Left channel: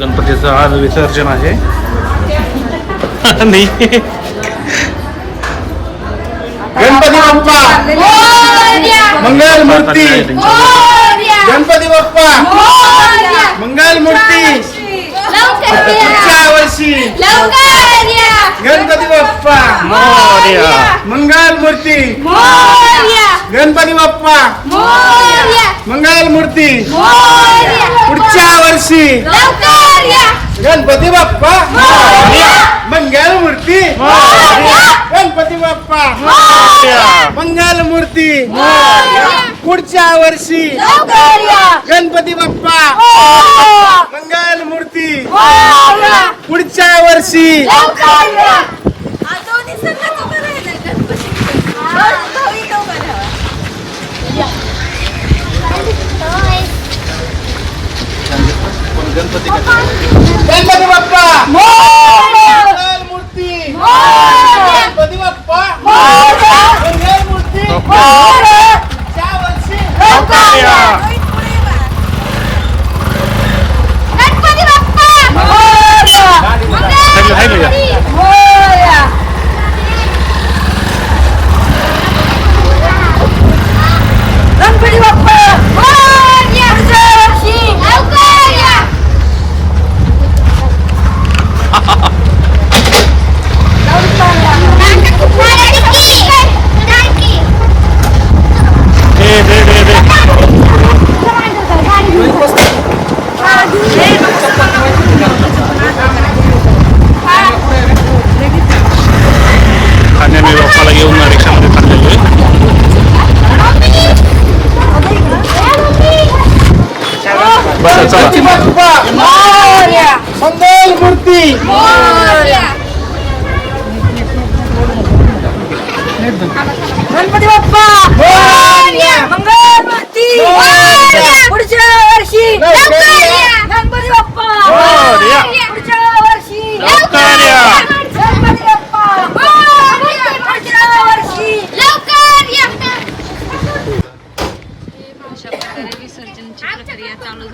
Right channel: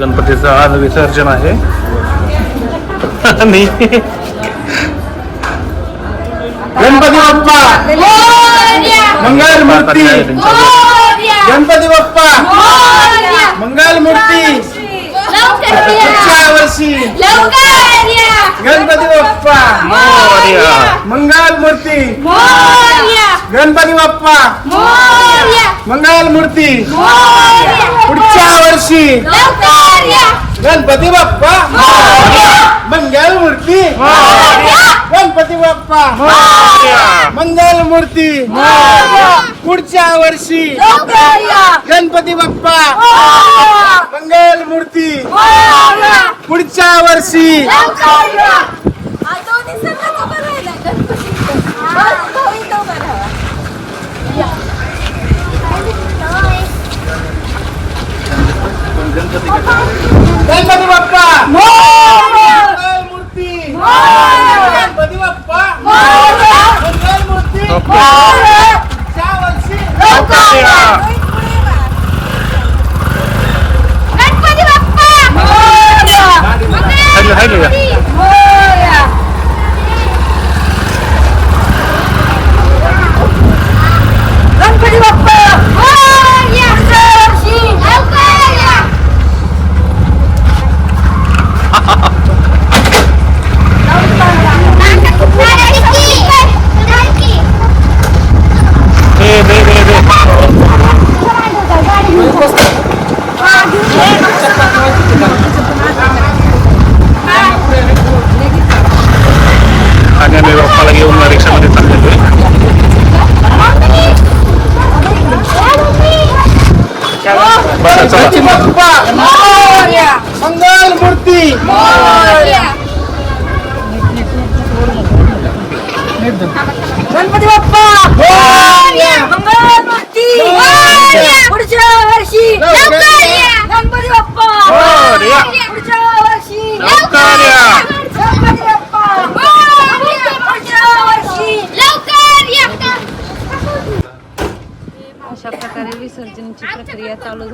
गणपतीचं आज विसर्जन आहे. आणि गणपती बाप्पा. मंगल मूर्ती. गणपती बाप्पा. मंगल मूर्ती. पुढच्या वर्षी. गणपती बाप्पा. मोरया. मंगल मूर्ती. गणपती बाप्पा. मंगल मूर्ती पुढच्या वर्षी. गणपती बाप्पा. मंगल मूर्ती गणपती बाप्पा. मंगल मूर्ती पुढच्या वर्षी. गणपती बाप्पा. मंगल मूर्ती पुढच्या वर्षी. गणपती बाप्पा! मूर्ती! गणपती बाप्पा! मूर्ती पुढच्या वर्षी गणपती बाप्पा हायलो, हायलो या. गणपती बाप्पा मोरया वर्षी लवकर या ए बे बे बे आणि आम्ही बाप्पाला घेऊन रिक्षामध्ये चाललेलो आहे बसा चला गणपती बाप्पा मंगल मूर्ती गणपती बाप्पा मंगल मूर्ती पुढच्या वर्षी लवकर या गणपती बाप्पा मोरया. पुढच्या वर्षी लवकर या. गणपती बाप्पा पुढच्या वर्षी लवकर या अशा प्रकारे विसर्जनची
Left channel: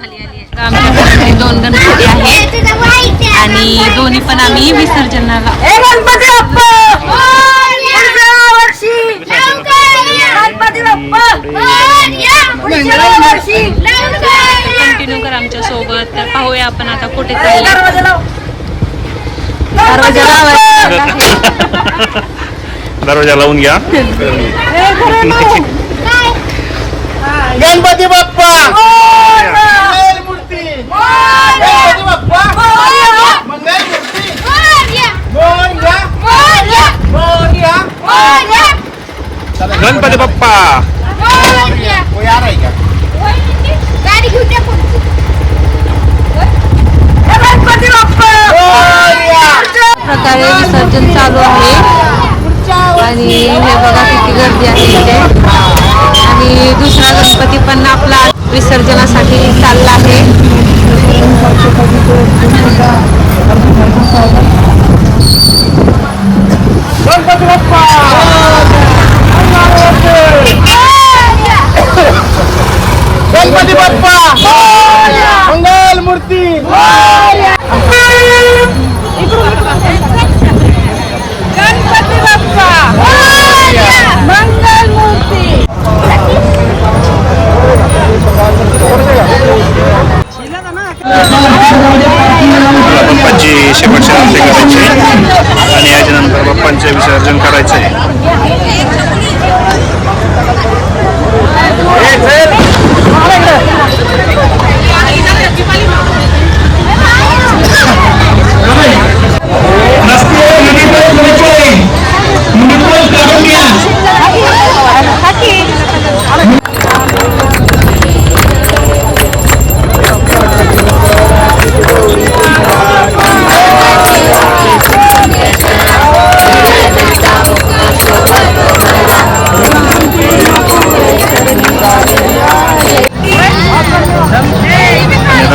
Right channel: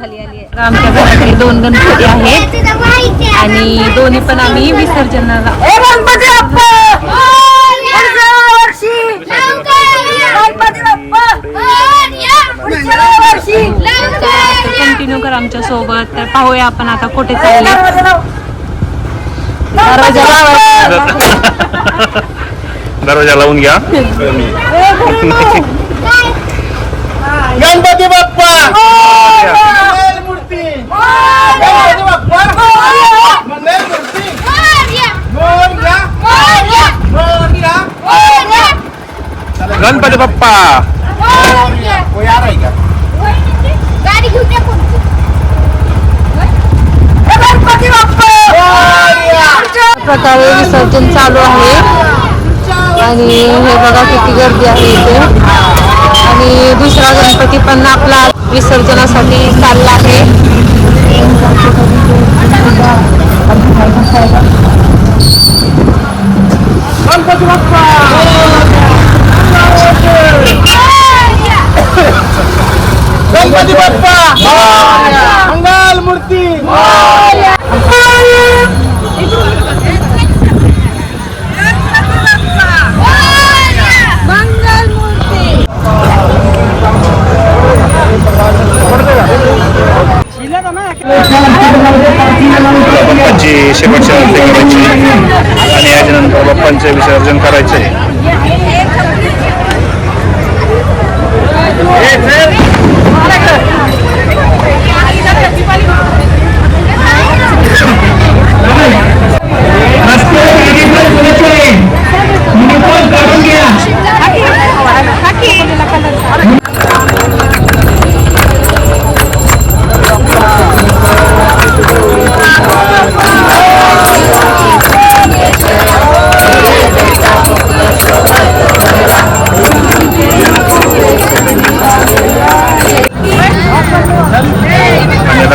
आहे. दोन गणपती आहेत आणि दोन्ही पण आम्ही विसर्जनाला कंटिन्यू करा आमच्यासोबत. तर पाहूया आपण आता कुठे चालले दरवाजा लावून घ्या. गणपती बाप्पा मोरया. मंगल मूर्ती गणपती बाप्पा मंगल मूर्ती मोरया मोरया गणपती बाप्पा. गाडी घेऊन गणपती बाप्पा. प्रकारे विसर्जन चालू आहे. आणि हे बघा किती गर्दी आहे इथे. आणि दुसरा गणपती पण आपला विसर्जनासाठी चालला आहे. गणपती बाप्पा गणपती बाप्पा मंगल मूर्ती गणपती बाप्पा मंगल मूर्ती मला बाप्पाची शेवटची आरती करायची आणि याच्यानंतर बाप्पांचे विसर्जन करायचं आहे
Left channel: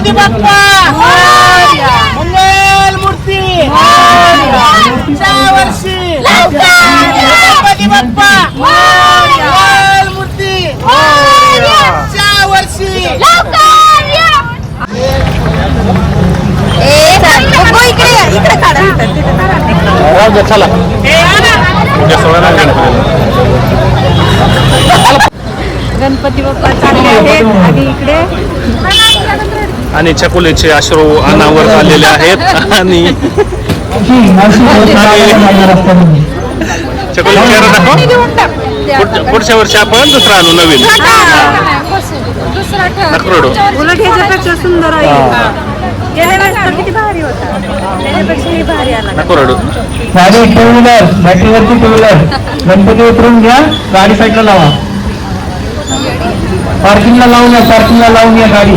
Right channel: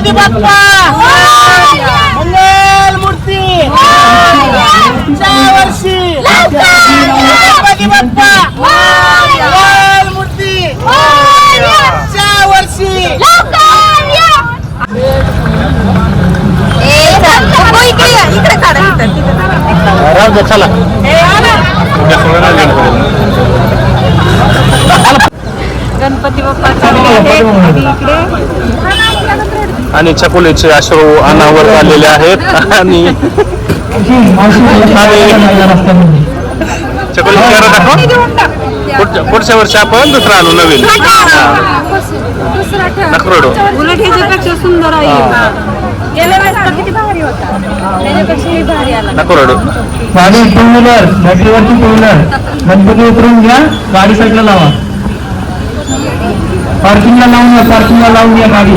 गणपती बाप्पा! मंगल मूर्ती! पुढच्या वर्षी! गणपती बाप्पा! मंगल मूर्ती! पुढच्या वर्षी! चला उद्या सोळाला गणपतीला गणपती बाप्पा. इकडे. आणि चकोलीचे अश्रू अनावर आलेले आहेत. आणि चकोली चेहरा दाखव. पुढच्या- वर्षी आपण दुसरा आणू नवीन. नकरोडो. उलट ह्याच्यापेक्षा सुंदर आहे. ही. गाडी टू व्हीलर बॅटरीवरची टू व्हीलर गणपती उतरून घ्या गाडी साईडला लावा. पार्किंगला लावून या पार्किंगला लावून घ्या गाडी.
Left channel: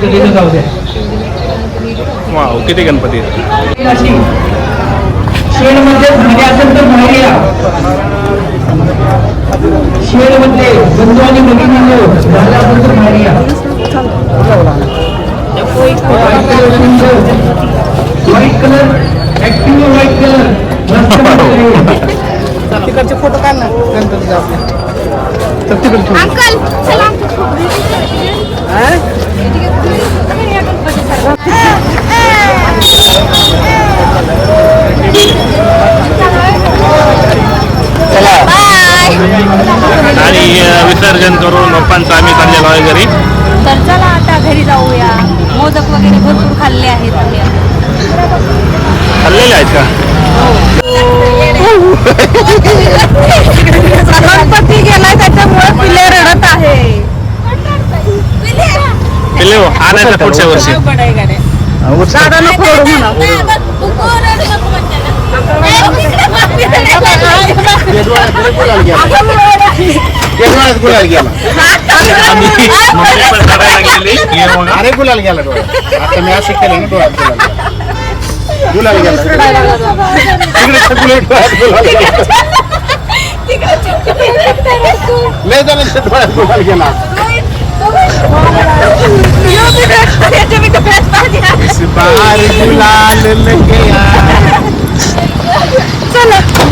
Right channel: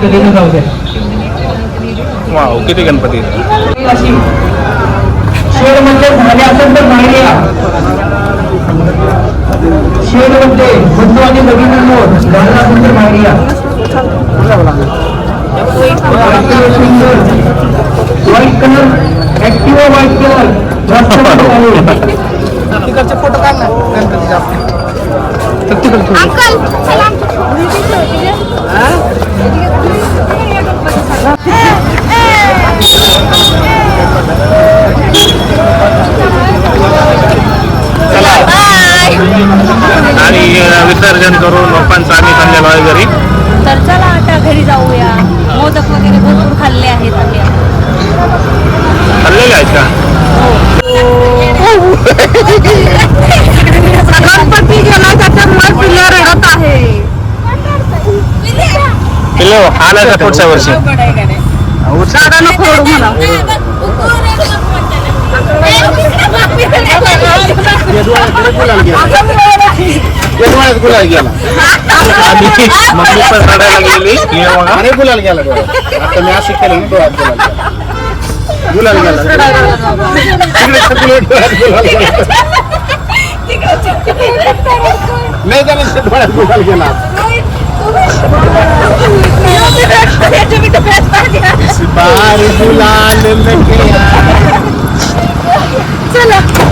जाऊ द्या. वाव किती गणपती? झाले असेल तर बाहेर या शेडमध्ये बंधू आणि भगिनींनो झाले असेल तर बाहेर या white colour active white colour तिकडचे फोटो काढ ना गणपतीचा अंकल बाय आणि विसर्जन करून बाप्पांचं आम्ही चाललेलो आहे घरी. तर चला आता घरी जाऊया. मोदक वगैरे भरपूर खाल्ले आहेत. आम्ही. खाल्लेले आहेत का? गणपती गेला त्याच्यामुळे पिले रडत आहे पिल्ले हो, आणायचा पुढच्या वर्षी म्हणा. आम्ही मम्मी पण रडायला गेलेली हे बघा. अरे गुलाल गेला डोळ्यात. आता मी असं केलं ना डोळ्यात गुलाल गेला. गुलाल गेला. तिकडे सगळे डोळ्यात गुलाल गेला. नाही गुलाल गेला. बाहर गुलाल लेके आ